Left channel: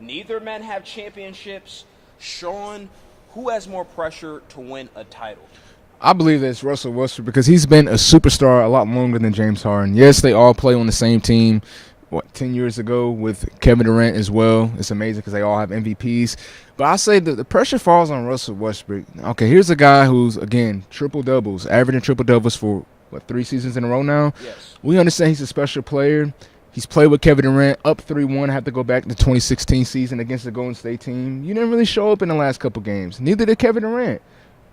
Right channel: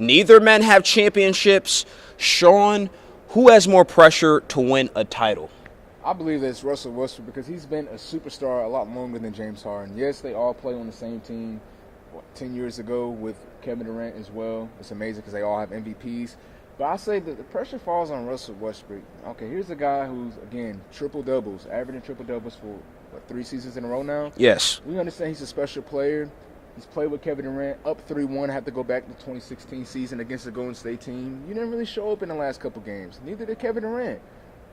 Neither men have championships. Sean, who has more pressure to win a title? I believe that it's Russell Westbrook because he's been a superstar a lot longer than James Harden. Yes, they all play on the same team, 10 years ago with Kevin Durant as well. It's amazing because they all have MVPs. But I say that the pressure falls on Russell Westbrook. Okay, here's a guy who's, again, triple-doubles, averaging triple-doubles for, 3 seasons in a row now? Yes. We understand he's a special player. He's played with Kevin Durant, up 3-1, have to go back to the 2016 season against the Golden State team. You didn't really show up in the last couple games. Neither did Kevin Durant.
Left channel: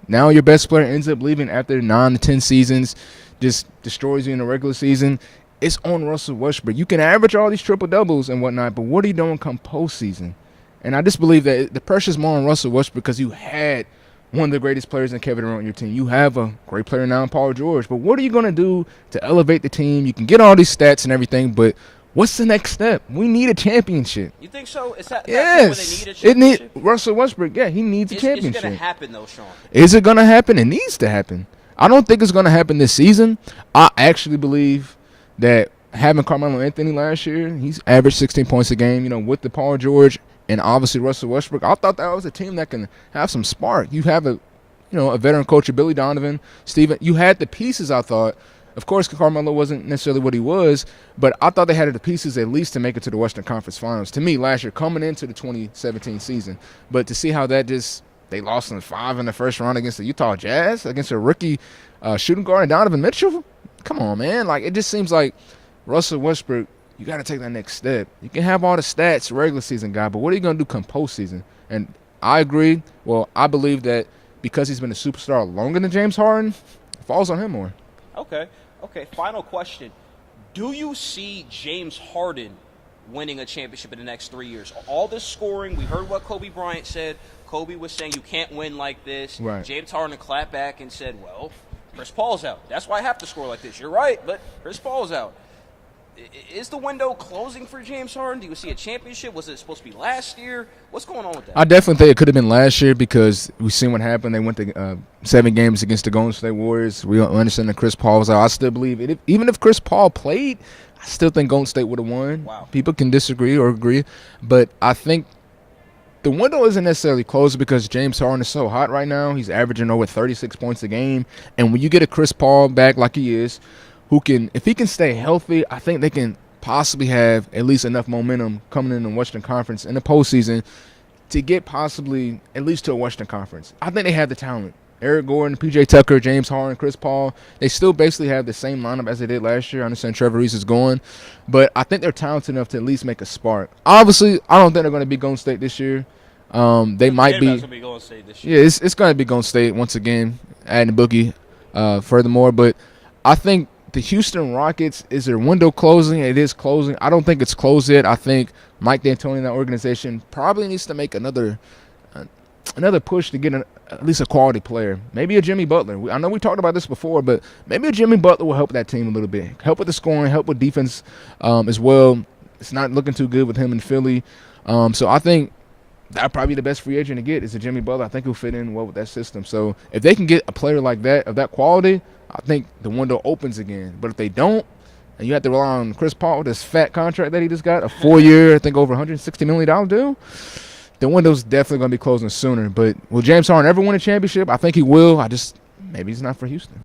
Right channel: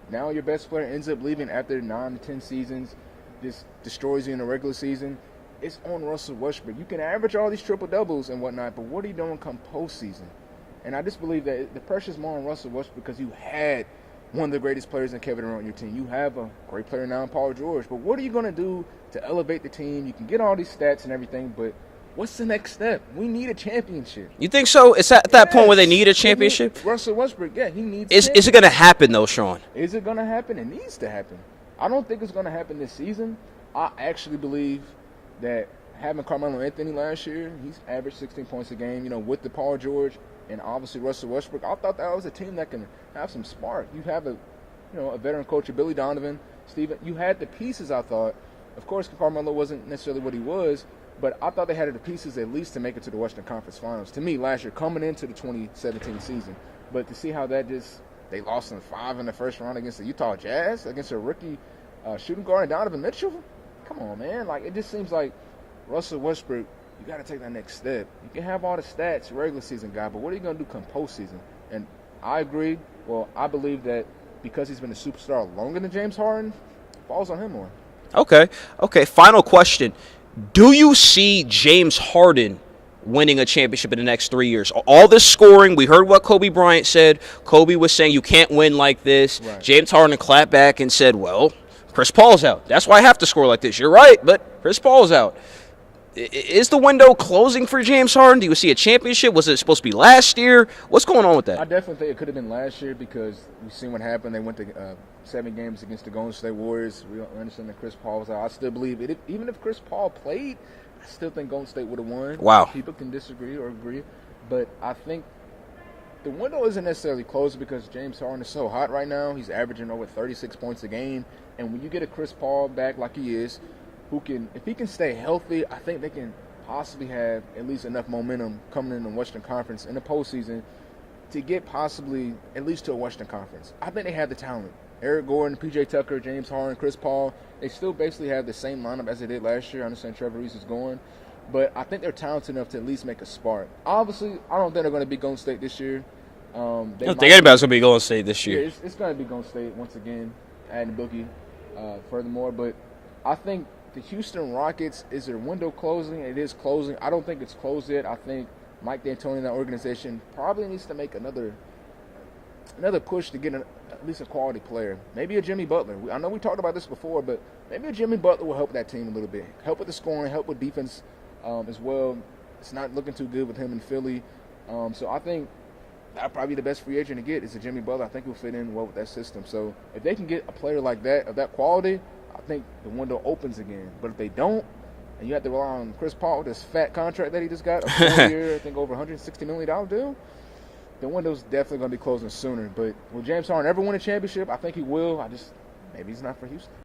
Now your best player ends up leaving after 9 to 10 seasons, just destroys you in the regular season. It's on Russell Westbrook. You can average all these triple-doubles and whatnot, but what are you doing come postseason? And I just believe that the pressure's more on Russell Westbrook because you had one of the greatest players in Kevin Durant on your team. You have a great player now in Paul George. But what are you going to do to elevate the team? You can get all these stats and everything, but what's the next step? We need a championship. You think so? It's at that point where they need a championship? Russell Westbrook, yeah, he needs a championship. Is it going to happen, though, Sean? Is it going to happen? It needs to happen. I don't think it's going to happen this season. I actually believe that having Carmelo Anthony last year, he's averaged 16 points a game, with the Paul George and obviously Russell Westbrook. I thought that was a team that can have some spark. You have a veteran coach, Billy Donovan, Steven. You had the pieces, I thought. Of course, Carmelo wasn't necessarily what he was, but I thought they had the pieces at least to make it to the Western Conference Finals. To me, last year, coming into the 2017 season. But to see how that they lost in 5 in the first round against the Utah Jazz, against a rookie shooting guard and Donovan Mitchell. Come on, man. It just seems like Russell Westbrook, you got to take that next step. You can have all the stats, regular season guy, but what are you going to do come postseason? And I agree. Well, I believe that because he's been a superstar longer than James Harden, it falls on him more. Okay. Final question. Do you see James Harden winning a championship in the next 3 years? All this scoring, we heard what Kobe Bryant said. Kobe was saying you can't win like this. Right. James Harden clapped back and said, well, Chris Paul's out. That's why I have to score like this. You're right, but Chris Paul's out. Is the window closing for James Harden? Do you see a championship? Was it supposed to be last year? What's going on with that? I definitely think it could have been last year because we've seen what happened. They went to 7 games against the Golden State Warriors. We understand that Chris Paul was out. I still believe it. Even if Chris Paul played, I still think Golden State would have won. Wow. People can disagree or agree, but I think the window isn't necessarily closed because James Harden is so hot right now. He's averaging over 36 points a game, and when you get a Chris Paul back like he is, if he can stay healthy, I think they can possibly have at least enough momentum coming in the Western Conference in the postseason to get possibly at least to a Western Conference. I think they have the talent. Eric Gordon, P.J. Tucker, James Harden, Chris Paul, they still basically have the same lineup as they did last year. I understand Trevor Reese is going, but I think they're talented enough to at least make a spark. Obviously, I don't think they're going to be Golden State this year. They might think anybody's going to be Golden State this year. Yeah, it's going to be Golden State once again, adding Boogie furthermore, but I think the Houston Rockets, is their window closing? It is closing. I don't think it's closed yet. I think Mike D'Antoni and that organization probably needs to make another push to get at least a quality player. Maybe a Jimmy Butler. I know we talked about this before, but maybe a Jimmy Butler will help that team a little bit. Help with the scoring, help with defense as well. It's not looking too good with him in Philly. So I think that'd probably be the best free agent to get is a Jimmy Butler. I think he'll fit in well with that system. So if they can get a player like that, of that quality, I think the window opens again. But if they don't, and you have to rely on Chris Paul, this fat contract that he just got, a 4-year, I think over $160 million deal, the window's definitely going to be closing sooner. But will James Harden ever win a championship? I think he will. Maybe he's not for Houston.